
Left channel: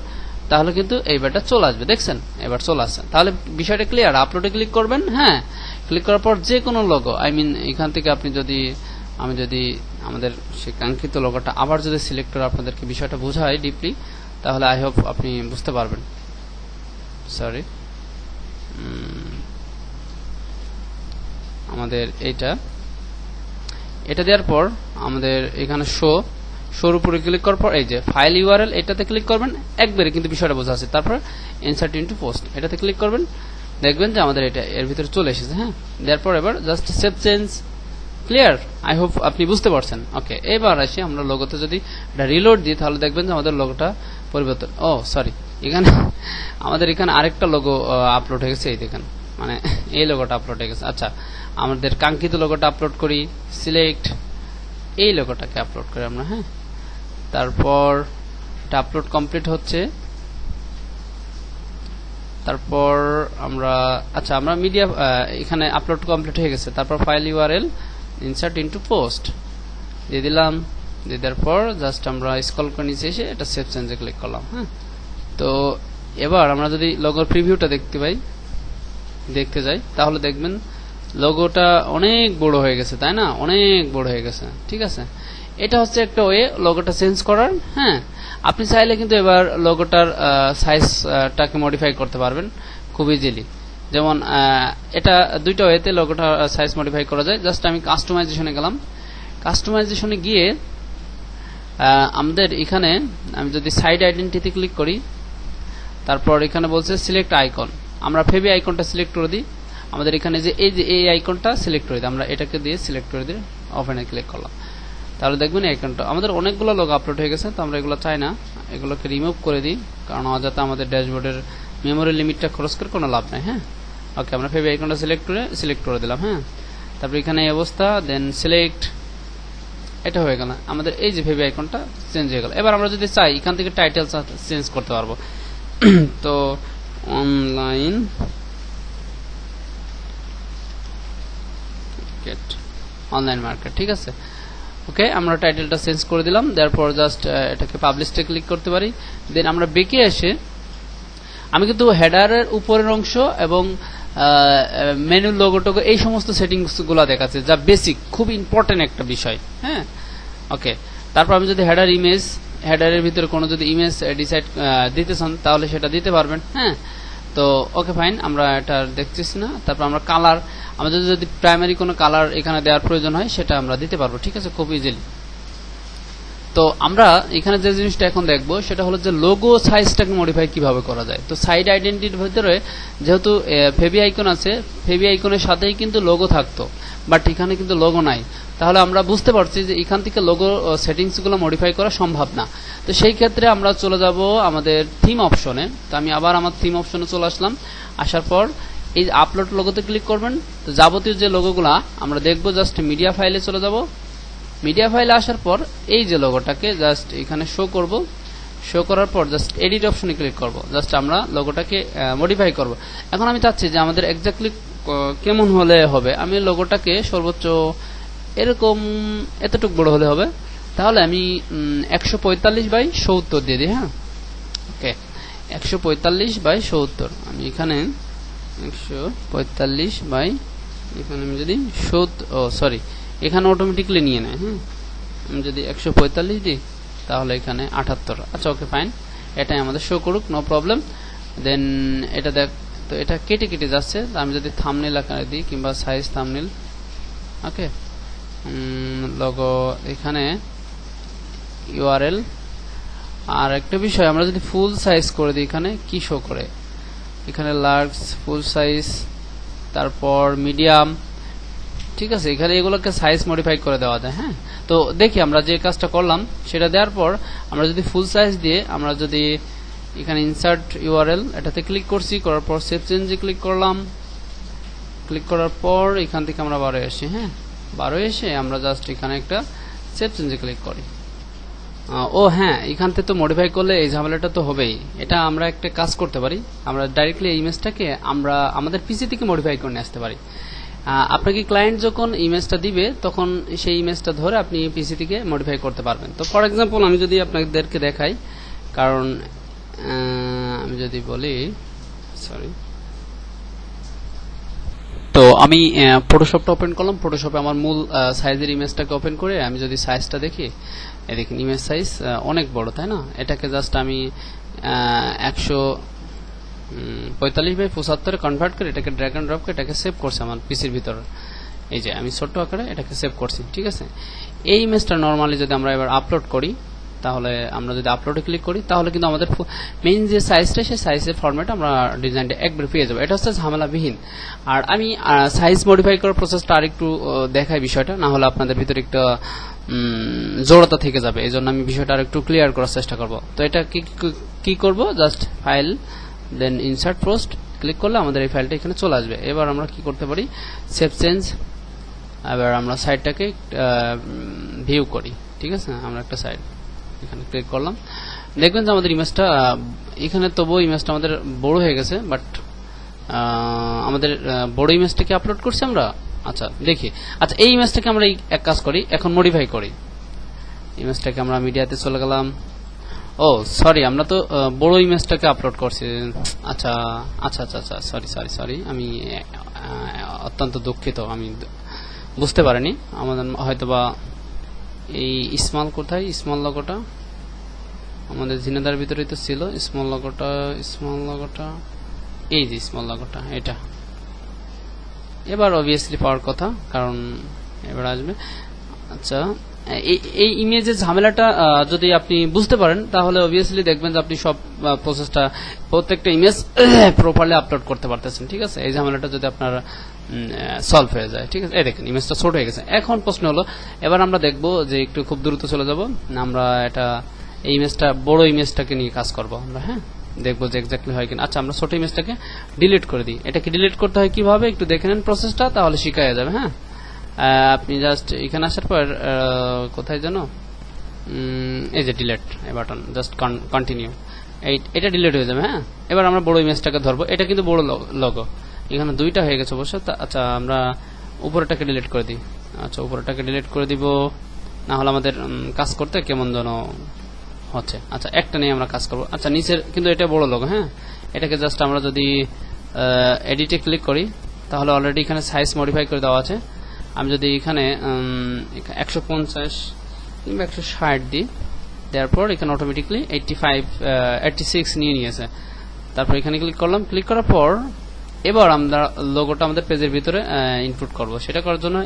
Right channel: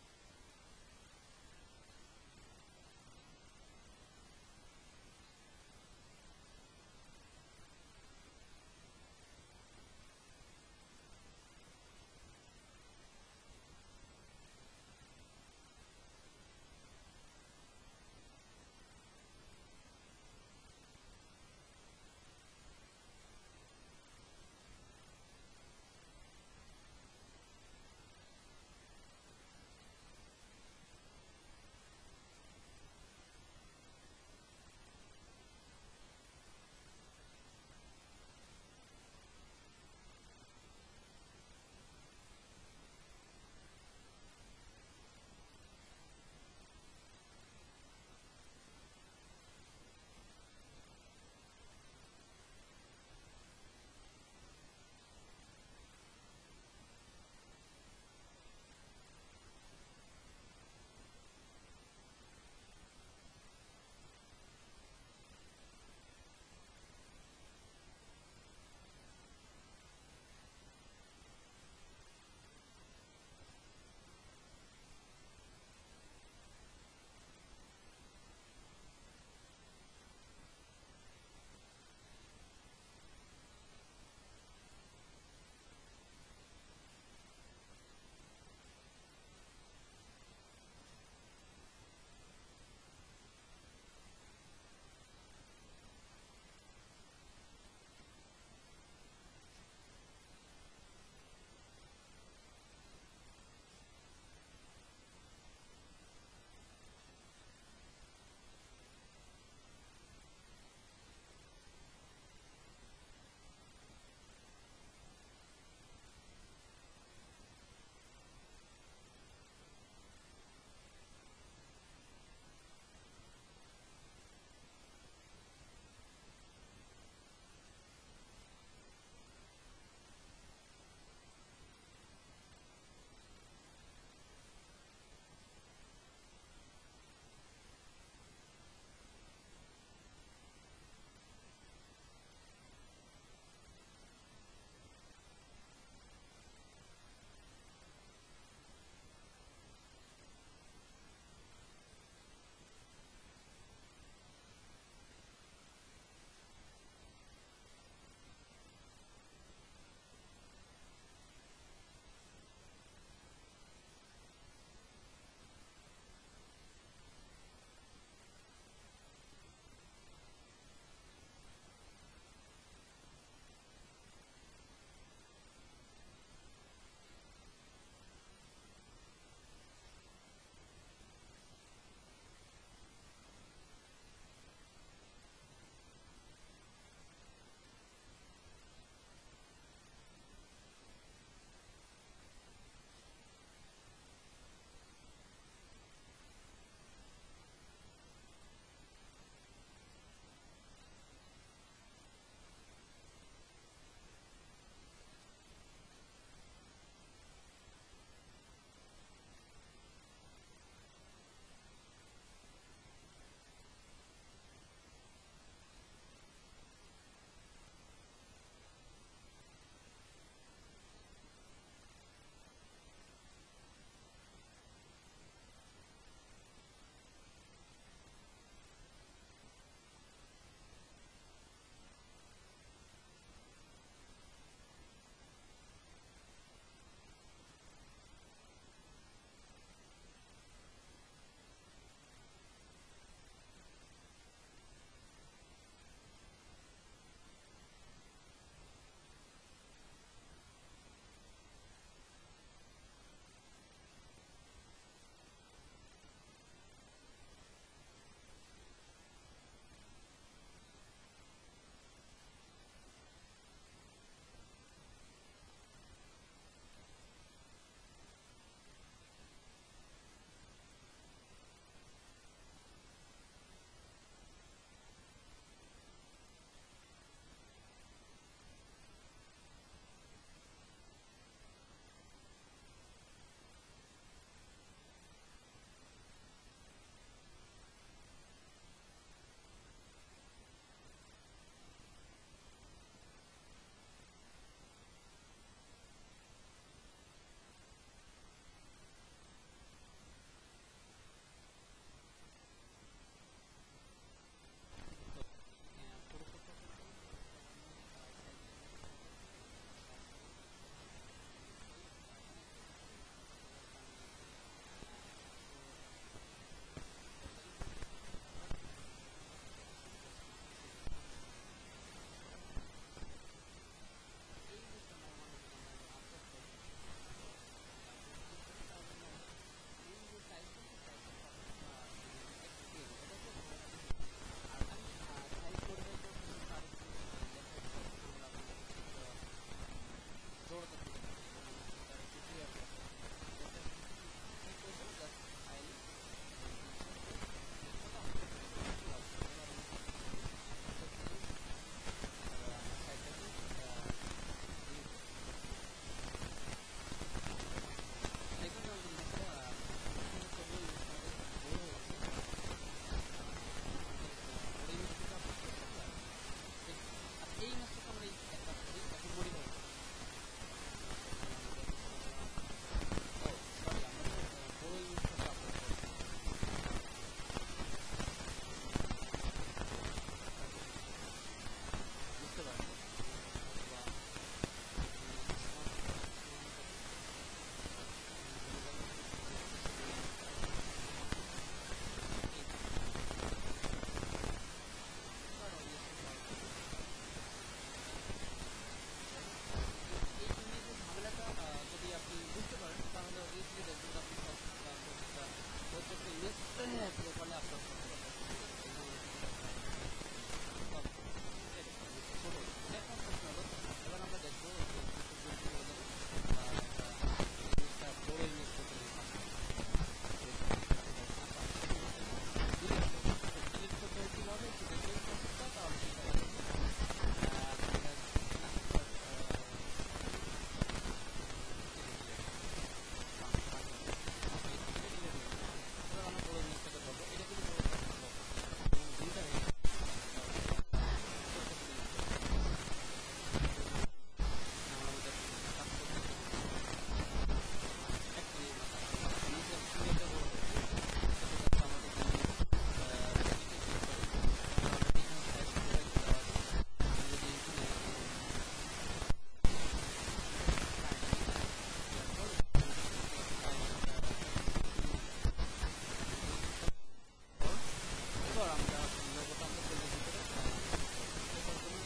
তাহলে কিন্তু এইবারটা চলে আসবে। দেখছেন, এবার চলে আসছে। তাহলে বিষয়টা ক্লিয়ার। আপলোডে ক্লিক করবেন। হ্যাঁ, ক্লিক করার পর যে কোনো লোগো এখান থেকে আপনি যদি আমি যদি আমাদের সেই কাঙ্ক্ষিত লোগোটা আবার যদি সিলেক্ট করে আপনাদেরকে বিষয়টা বোঝাই ডিপলি, তাহলে আই হোপ আপনি বুঝতে পারবেন। সরি, আমাদের এটা দেওয়ার পর আমাদের এখানে শোর উপরে ক্লিক করার পর এই যে ফাইল ইউআরএল এটাতে ক্লিক করবেন, একবারে কিন্তু বিষয়টা বোঝা আছে। তারপর ইনসার্ট ইনটু পোস্ট এটাতে ক্লিক করবেন, দেখবেন যে আমাদের এটা এর ভিতরে চলে এসেছে। হ্যাঁ, দেওয়ার পর এবার just save change. Clear? I hope আপনি বুঝতে পারছেন। ওকে, এবার আসি আমরা লোগোতে যদি এটা রিলোড দিই, তাহলে দেখবেন যে আমাদের লোগোটা পরিবর্তন। সরি, আমাদের এখানে আরেকটা লোগো আপলোড হয়ে গেছে। এই দেখেন, মানে এই লোগোটা আপলোড হয়ে গেছে। আচ্ছা, আমাদের কাঙ্ক্ষিত লোগোটা আপলোড করি, সিলেক্ট এই লোগোটাকে আপলোড করি আমরা। হ্যাঁ, তারপর এটা আপলোড কমপ্লিট হচ্ছে। তারপর আমরা মিডিয়া এখানে আপলোড কমপ্লিট হয়ে গেছে। তারপর file URL insert into post দিয়ে দিলাম। দিয়ে দেওয়ার পর জাস্ট আমরা স্ক্রল করে নিচে এসে এটা সেভ চেঞ্জে ক্লিক করলাম। হ্যাঁ, তো এবার আমরা যদি লোগোর প্রিভিউটা দেখতে যাই, তাহলে দেখবেন লোগোটা অনেক বড় হয়ে গেছে, তাই না? অনেক বড় হয়ে গেছে। ঠিক আছে, এটা হচ্ছে একটা ওয়ে লোগোটা চেঞ্জ করার। হ্যাঁ, আপনি চাইলে কিন্তু এবার লোগোটার সাইজটাকে মডিফাই করতে পারবেন খুব ইজিলি। যেমন এটা দুইটা ওয়েতে লোগোটা সাইজ মডিফাই করা যায়। জাস্ট আমি কাস্টমাইজেশনে গেলাম। কাস্টমাইজেশনে গিয়ে আমাদের এখানে আমি যদি সাইড আইডেন্টিটি ক্লিক করি, তারপর এখানে বলছে সিলেক্ট আইকন, আমরা ফেবি আইকনটা সিলেক্ট করে দিই। আমাদের এখানে যে এই আইকনটা সিলেক্ট করে দিই, আমরা এটাকে দিয়ে সিলেক্ট করে দিয়ে ওপেনে ক্লিক করলাম। তাহলে দেখবেন এই আইকনটা আমাদের অনেকগুলো লোগো আপলোড হয়ে গেছে। তো আমরা এগুলো চাই না, এগুলোকে রিমুভ করে দিই, কারণ যাতে আমাদের ড্যাশবোর্ডের মেমোরি লিমিটটা খরচ করে কোনো লাভ নাই। হ্যাঁ, ওকে, আমরা ফেবি আইকনটা সিলেক্ট করে দিলাম। হ্যাঁ, তারপর এখানে এই অবস্থা, দেন সিলেক্ট, এটা হয়ে গেল। আমাদের এই যে ফেবি আইকনটা চেঞ্জ হয়ে গেল। এবার আমরা যদি চাই এখান থেকে টাইটেল চেঞ্জ করতে পারবো। তো অনলাইন মার্কেট, ঠিক আছে। ওকে, আমরা টাইটেলটা চেঞ্জ করে দিলাম। তারপর জাস্ট এটাকে পাবলিশে ক্লিক করতে পারি। দেন আমরা বেকে এসে আমি কিন্তু হেডারের উপরের অংশ এবং মেনু লোগোটোগো এই সমস্ত সেটিংস গুলা দেখাচ্ছে, যা বেসিক, খুব ইম্পর্টেন্ট একটা বিষয়। হ্যাঁ, ওকে, তারপর আমি যদি হেডারের ভিতরে কোনো যদি ইমেজ ডিসাইড দিতে চান, তাহলে সেটা দিতে পারবেন। হ্যাঁ, তো ওকে ফাইন, আমরা এটা দেখতেছি না। তারপর আমরা কালার, আমাদের যদি প্রাইমারি কোনো কালার এখানে দেওয়ার প্রয়োজন হয়, সেটা আমরা দিতে পারবো। ঠিক আছে, খুব ইজিলি। তো আমরা এখানে যে জিনিসটা এখন দেখবো, সেটা হলো যে লোগো সাইজটাকে মডিফাই কিভাবে করা যায়। তো সাইড আইডেন্টিটির ভিতরে যেহেতু ফেবি আইকন আছে, ফেবি আইকনের সাথেই কিন্তু লোগো থাকতো, বাট এখানে কিন্তু লোগো নাই। তাহলে আমরা বুঝতে পারছি যে এখান থেকে লোগো সেটিংসগুলো মডিফাই করা সম্ভব না। তো সেই ক্ষেত্রে আমরা চলে যাব আমাদের থিম অপশনে। তো আমি আবার আমার থিম অপশনে চলে আসলাম। আসার পর এই আপলোড লোগোতে ক্লিক করবেন। তো যাবতীয় যে লোগোগুলা আমরা দেখবো, জাস্ট মিডিয়া ফাইলে চলে যাব। মিডিয়া ফাইলে আসার পর এই যে লোগোটাকে জাস্ট এখানে শো করব। শো করার পর জাস্ট এডিট অপশনে ক্লিক করব। জাস্ট আমরা লোগোটাকে মডিফাই করব। এখন আমি চাচ্ছি যে আমাদের এক্স্যাক্টলি কেমন হলে হবে। আমি লোগোটাকে সর্বোচ্চ এরকম এতটুকু বড় হলে হবে। তাহলে আমি 145/70 দিয়ে দিই। হ্যাঁ, ওকে, 145/70। আমি এখানে 145 এখানে আমি যদি সরি, এখানে অটোমেটিকলি নিয়ে নেয়। হ্যাঁ, আমি যদি 145 দিই, তাহলে এখানে 78। আচ্ছা, ওকে ফাইন, এটাই আমাদের শো করুক, নো প্রবলেম। দেন এটা দেখ, তো এটা কেটে কেটে যাচ্ছে। আমি যদি থাম্বনেল আকারে দিই, কিংবা সাইজ থাম্বনেল, ওকে, লোগো এখানে ইউআরএল। আর একটা বিষয়, আমরা যদি ফুল সাইজ করে দিই, এখানে কি শো করে, এখানে লার্জ, ফুল সাইজ, তারপর মিডিয়াম। ঠিক আছে, এখানে এগুলোকে সাইজ মডিফাই করে দেওয়া যায়। হ্যাঁ, তো দেখি আমরা যে কাজটা করলাম সেটা দেওয়ার পর আমরা যদি ফুল সাইজ দিয়ে আমরা যদি এখানে ইনসার্ট ইউআরএল এটাতে ক্লিক করছি, করার পর সেভ চেঞ্জে ক্লিক করলাম। ক্লিক করার পর এখান থেকে আমরা 12 আসি। হ্যাঁ, 12 এসে আমরা জাস্ট এখানে একটা সেভ চেঞ্জে ক্লিক করি। হ্যাঁ, এখান থেকে তো মডিফাই করলে এই ঝামেলাটা তো হবেই। এটা আমরা একটা কাজ করতে পারি, আমরা ডাইরেক্টলি এই ইমেজটাকে আমরা আমাদের পিসি থেকে মডিফাই করে নিয়ে আসতে পারি। আপনাকে ক্লায়েন্ট যখন ইমেজটা দিবে, তখন সেই ইমেজটা ধরে আপনি পিসি থেকে মডিফাই করতে পারবেন। তো ফর এক্সাম্পল আমি যদি আপনাদেরকে দেখাই, কারণ আমি যদি বলি, সরি, তো আমি ফটোশপটা ওপেন করলাম। ফটোশপে আমার মূল সাইজের ইমেজটাকে ওপেন করে আমি যদি সাইজটা দেখি, এই দেখুন ইমেজ সাইজ অনেক বড়, তাই না? এটাকে জাস্ট আমি 145x75 কনভার্ট করে এটাকে ড্র্যাগ এন্ড ড্রপ করে এটাকে সেভ করছি আমার পিসির ভিতরে। এই যে আমি ছোট্ট আকারে এটাকে সেভ করছি, ঠিক আছে? এই ইমেজটা নরমালি যদি আমরা এবার আপলোড করি, তাহলে আমরা যদি আপলোডে ক্লিক করি তাহলে কিন্তু আমাদের মেইন যে সাইজটা সেই সাইজের ফরম্যাট আমরা ডিজাইনটা একবার পেয়ে যাবো। এটা হচ্ছে ঝামেলাবিহীন। আর আমি সাইজ মডিফাই করার প্রসেসটা আরেকটু দেখাই বিষয়টা, না হলে আপনাদের ভিতরে একটা জড়তা থেকে যাবে। এই জন্য আমি বিষয়টা আরেকটু ক্লিয়ার করার চেষ্টা করব। তো এটা কি করব, just file then insert post click করলে আমাদের এই ফাইলটা এখানে চলে আসবে। এবার আমরা কি করতে পারি, সেভ চেঞ্জ। এবার আমরা সাইটটাকে ভিউ করি, ঠিক আছে? আমরা একটা সাইট এখানে ক্লিক করলাম, দেখবেন যে আমাদের ইমেজটা এখানে তবুও ইমেজটা আমাদের বড় হয়ে গেছে, বাট আমাদের বড় ইমেজটাকে আপলোড করছি আমরা। আচ্ছা দেখি, আচ্ছা এই ইমেজটাকে আমরা এক কাজ করি, এখন মডিফাই করি। ইমেজটাকে আমরা মিডিয়াতে চলে গেলাম। ও সরি, আমরা তো বড় ইমেজটাকে আপলোড করছি। আচ্ছা আচ্ছা আচ্ছা আচ্ছা, সরি সরি সরি, আমি অত্যন্ত দুঃখিত, আমি বুঝতে পারিনি। আমাদের হয়তোবা এই স্মল কোথায়, স্মল লগোটা আমাদের জিনেদার ভিতরেই তো ছিল। স্মল লগোটা এই যে স্মল লগোটা, এটা এবার অবভিয়াসলি পাওয়ার কথা, কারণ এবার আসবে। আচ্ছা এই ইমেজের ঝামেলাটা যদি আপনি বুঝতে পারেন তাহলে অবভিয়াসলি দেখবেন যে আপনি সব প্রসেসটা প্রত্যেকটা ইমেজ প্রপারলি আপলোড করতে পারতেছেন, ঠিক আছে? এই ঝামেলাটা যদি আপনার সলভ হয়ে যায়, ঠিক আছে? এই দেখেন ইমেজটা ছোট হয়ে গেছে। এখন প্রশ্ন হলো, এবার আমরা দেখব যে একটু খুব দ্রুত চলে যাব আমরা, এটা এই ইমেজটা বড় ইমেজটাকে নিয়ে কাজ করব আমরা। হ্যাঁ, দেখবো যে এক্স্যাক্টলি হয় কিনা। আচ্ছা আমরা ছোট ইমেজটাকে ডিলিট করে দিই। এটাকে ডিলিট করতে হয় কিভাবে একটু দেখে নেন প্রসেসটা, তাহলে শিখা যাবে। হ্যাঁ, আপনি জাস্ট এখানে আসার পর কোথায় জানো, এই যে ডিলিট এই বাটন, জাস্ট কন্টিনিউ, এটা ডিলিট হয়ে যাবে। হ্যাঁ, এবার আমরা বড় ইমেজটাকে ধরবো। এটা কিন্তু বড় লোগো, এখানে দুইটা হয়ে গেছে অবশ্য। আচ্ছা আমরা উপরেটাকে ডিলিট করে দিই। আচ্ছা উপরেটাকে ডিলিট করে দিব, না হলে আমাদের কাজ করতে কেমন যেন হচ্ছে। আচ্ছা একটা নিয়ে আমরা কাজ করব। আচ্ছা নিচের কিন্তু এটা বড় লোগো। হ্যাঁ, এটাকে জাস্ট আমরা যদি এডিটে ক্লিক করি তাহলে অলরেডি এখানে সাইজ মডিফাই করে দেওয়া আছে। আমি যদি এখানে 150 কিংবা 160 দিই, দেওয়ার পর এখানে অটোমেটিকলি 86 নিয়ে নিয়েছে। তারপর এখানে ক্লিক করলাম, ক্লিক করার পর এবার আমরা লোগোটা আমাদের পেজের ভিতরে ইনপুট করব। সেটা করার জন্য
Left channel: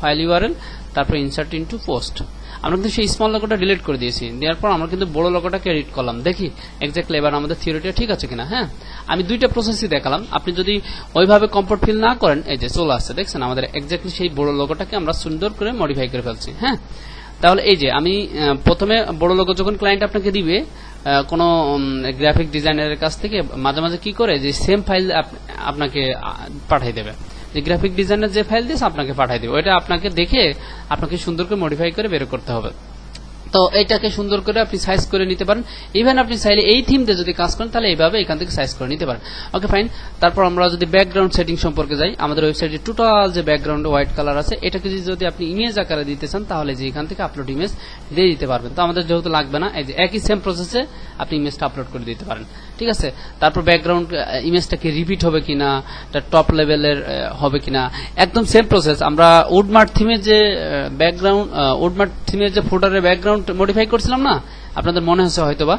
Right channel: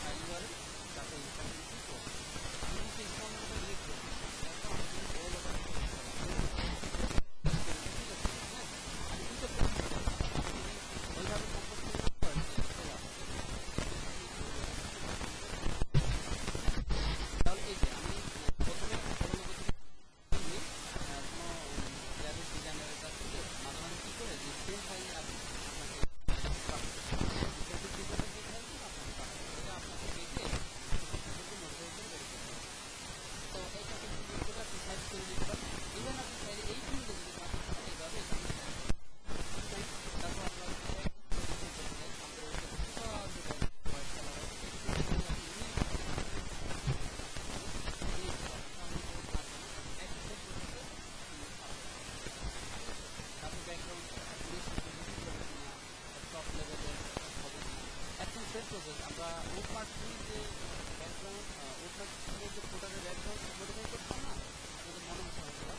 ফাইল ইউআরএল, তারপর ইনসার্ট ইনটু পোস্ট। আমরা কিন্তু সেই স্মল লোগোটা ডিলিট করে দিয়েছি। দেওয়ার পর আমরা কিন্তু বড় লোগোটাকে এডিট করলাম। দেখি এক্স্যাক্টলি এবার আমাদের থিওরিটা ঠিক আছে কিনা। হ্যাঁ, আমি দুইটা প্রসেসই দেখালাম। আপনি যদি ওইভাবে কমফোর্ট ফিল না করেন, এই যে চলে আসছে, দেখছেন আমাদের এক্স্যাক্টলি সেই বড় লোগোটাকে আমরা সুন্দর করে মডিফাই করে ফেলছি। হ্যাঁ, তাহলে এই যে আমি প্রথমে বড় লোগো যখন ক্লায়েন্ট আপনাকে দিবে কোনো গ্রাফিক ডিজাইনারের কাছ থেকে, মাঝে মাঝে কি করে যে সেম ফাইল আপনাকে পাঠিয়ে দেবে, যে গ্রাফিক ডিজাইনার যে ফাইল দিয়েছে আপনাকে পাঠিয়ে দেবে, ওইটা আপনাকে দেখে আপনাকে সুন্দর করে মডিফাই করে বের করতে হবে। তো এইটাকে সুন্দর করে আপনি সাইজ করে নিতে পারেন। ইভেন আপনি চাইলে এই থিম দিয়ে যদি কাজ করেন তাহলে এইভাবে এখান থেকে সাইজ করে নিতে পারেন। Okay fine. তারপর আমরা যদি ব্যাকগ্রাউন্ড সেটিং সম্পর্কে যাই, আমাদের ওয়েবসাইটে টোটাল যে ব্যাকগ্রাউন্ড হোয়াইট কালার আছে, এটাকে যদি আপনি ইমেজ আকারে দিতে চান তাহলে যে এখান থেকে আপলোড ইমেজ দিয়ে দিতে পারবেন। তো আমাদের যেহেতু লাগবে না, এই যে একই সেম প্রসেসে আপনি ইমেজটা আপলোড করে দিতে পারেন, ঠিক আছে? তারপর ব্যাকগ্রাউন্ড ইমেজটাকে রিপিট হবে কিনা, টপ লেভেলের হবে কিনা, একদম সেম প্রসেস। আমরা উডমার্ট থিমের যে ব্যাকগ্রাউন্ড, উডমার্ট থিমের যে ফোল্ডারের ব্যাকগ্রাউন্ড মডিফাই করছিলাম না, আপনাদের মনে হচ্ছে হয়তোবা,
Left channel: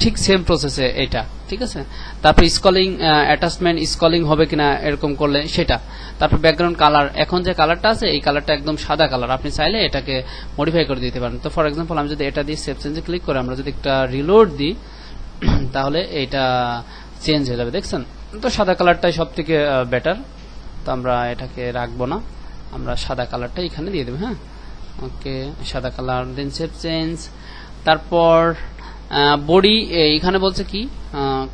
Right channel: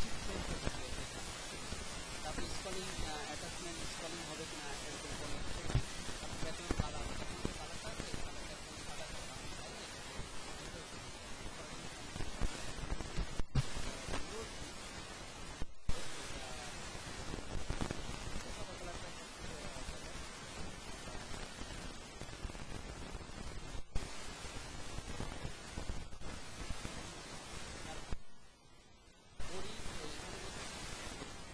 ঠিক সেম প্রসেসে এটা, ঠিক আছে? তারপর স্কলিং অ্যাটাচমেন্ট স্কলিং হবে কিনা এরকম করলে সেটা। তারপর ব্যাকগ্রাউন্ড কালার, এখন যে কালারটা আছে এই কালারটা একদম সাদা কালার, আপনি চাইলে এটাকে মডিফাই করে দিতে পারেন। তো ফর এক্সাম্পল আমি যদি এটা দিয়ে সেভ চেঞ্জে ক্লিক করে আমরা যদি একটা রিলোড দিই তাহলে এটা চেঞ্জ হয়ে যাবে, দেখছেন? তো সাদা কালারটাই সব থেকে বেটার। তো আমরা এটাকে রাখবো না, আমরা সাদা কালারটা এখানে দিয়ে দেবো। হ্যাঁ, ওকে, সাদা কালার, দেন সেভ চেঞ্জ। তারপর বডি, এখানে বলছে কি,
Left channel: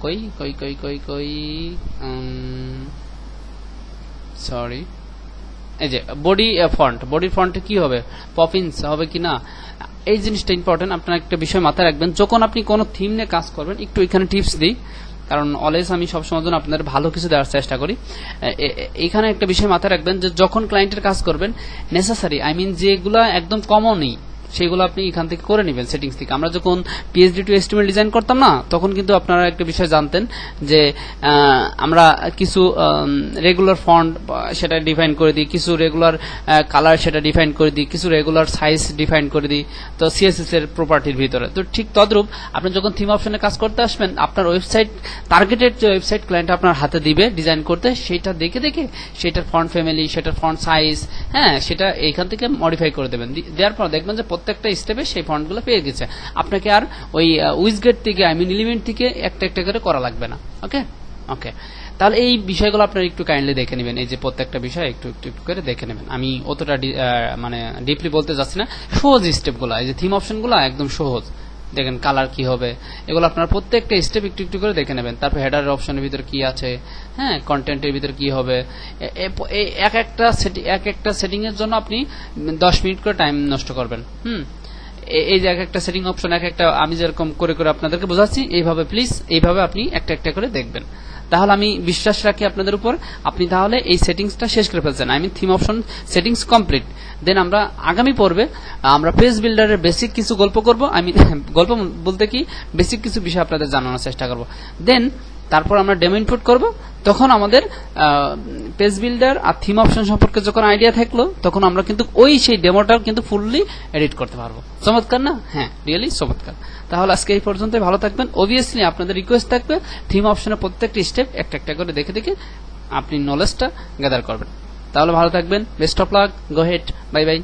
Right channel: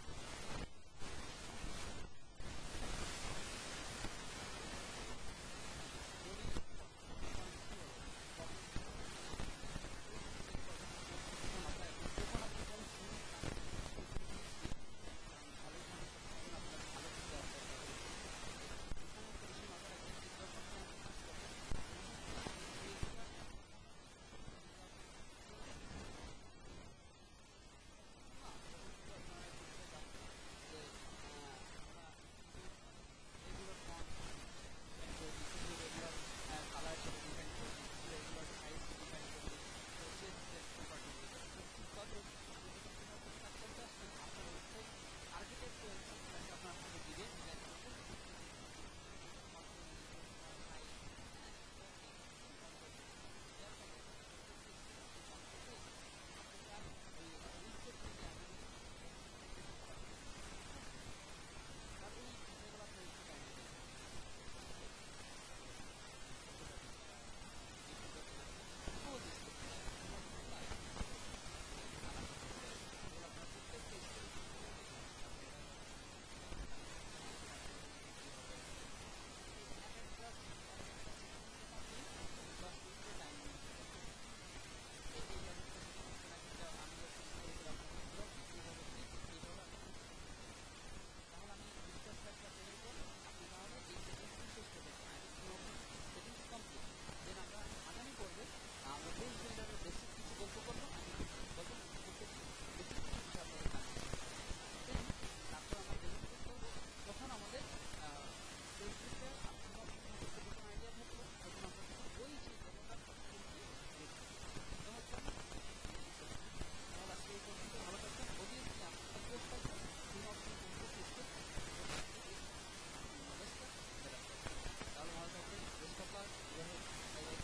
কই কই কই কই কই সরি, এই যে বডি ফন্ট, বডি ফন্টে কি হবে, পপিন্স হবে কিনা, এই জিনিসটা ইম্পর্টেন্ট। আপনার একটা বিষয় মাথায় রাখবেন, যখন আপনি কোনো থিম নিয়ে কাজ করবেন, একটু এখানে টিপস দিই, কারণ অলওয়েজ আমি সবসময় জন্য আপনাদের ভালো কিছু দেওয়ার চেষ্টা করি। এখানে একটা বিষয় মাথায় রাখবেন যে যখন ক্লায়েন্টের কাজ করবেন, নেসেসারি যেগুলা একদম কমনই সেগুলো আপনি এখান থেকে করে নেবেন সেটিংস থেকে। আমরা যখন পিএইচডি টু এইচটিএমএল ডিজাইন করতাম না, তখন কিন্তু আপনারা একটা বিষয় জানতেন যে আমরা কিছু রেগুলার ফন্ট সেটা ডিফাইন করে দিই, কিছু রেগুলার কালার সেটা ডিফাইন করে দিই, কিছু রেগুলার সাইজ ডিফাইন করে দিই তো সিএসএস এর প্রপার্টির ভিতরে। তো ঠিক তদ্রূপ আপনি যখন থিম অপশনে কাজ করতে আসবেন, আপনার ওয়েবসাইট টার্গেটেড যে ওয়েবসাইট ক্লায়েন্ট আপনার হাতে দিবে ডিজাইন করতে, সেটা দেখে দেখে সেটার ফন্ট ফ্যামিলি, সেটার ফন্ট সাইজ, হ্যাঁ, সেটা এইখান থেকে মডিফাই করে দেবেন। দেওয়ার পর দেখবেন যে প্রত্যেকটা স্টেপে সেই ফন্টগুলো পেয়ে গেছে। আপনাকে আর ওই উইজগেট থেকে এলিমেন্ট থেকে একটা একটা করে করা লাগবে না। ওকে ওকে, তাহলে এই বিষয়গুলো আপনারা একটু কাইন্ডলি দেখে নেবেন। এই যে প্রত্যেকটা বিষয় একটু একটু একটু করে দেখে নেবেন। আমি অতটা মানে ডিপলি বলতে যাচ্ছি না, সহজ স্টেপগুলো, এই যে থিম অপশনগুলো একদম সহজ। দেখেন কালার কি হবে, এগুলো আপনারা প্রত্যেকটা স্টেপ একটু একটু করে দেখে নেবেন। তারপর হেডারের অপশনের ভিতরে কি আছে, হ্যাঁ, কন্টেন্টের ভিতরে কি হবে, এক একটা সেটিং এর জন্য আপনি 10 মিনিট করে টাইম নষ্ট করবেন। এই যে এক একটা সেটিং অপশন, এক একটা আমি যেরকম করে করে আপনাদেরকে বোঝাচ্ছি, এইভাবে প্লিজ এইভাবে আপনি একটা একটা করে দেখবেন। তাহলে আমি বিশ্বাস রাখি আপনাদের উপর, আপনি তাহলে এই সেটিংসটা শেষ করে ফেলছেন। I mean theme option settings complete. Then আমরা আগামী পর্বে আমরা পেজ বিল্ডারের বেসিক কিছু গল্প করব। আমি গল্প বলতে কি, বেসিক কিছু বিষয় আপনাদের জানানোর চেষ্টা করব। দেন তারপর আমরা ডেমো ইনপুট করব। তখন আমাদের পেজ বিল্ডার আর থিম অপশন সম্পর্কে যখন আইডিয়া থাকলো, তখন আমরা কিন্তু সেই ডেমোটাও কিন্তু ফুললি এডিট করতে পারবো। চমৎকার না? হ্যাঁ, রিয়েলি চমৎকার। তাহলে আজকে এই পর্যন্তই, ভালো থাকবেন। অবভিয়াসলি আপনাদের রিকোয়েস্ট থাকবে থিম অপশনের প্রত্যেকটি স্টেপ একটা একটা করে দেখে দেখে আপনি নলেজটা গ্যাদার করবেন। তাহলে ভালো থাকবেন। Best of luck. Go head, bye bye.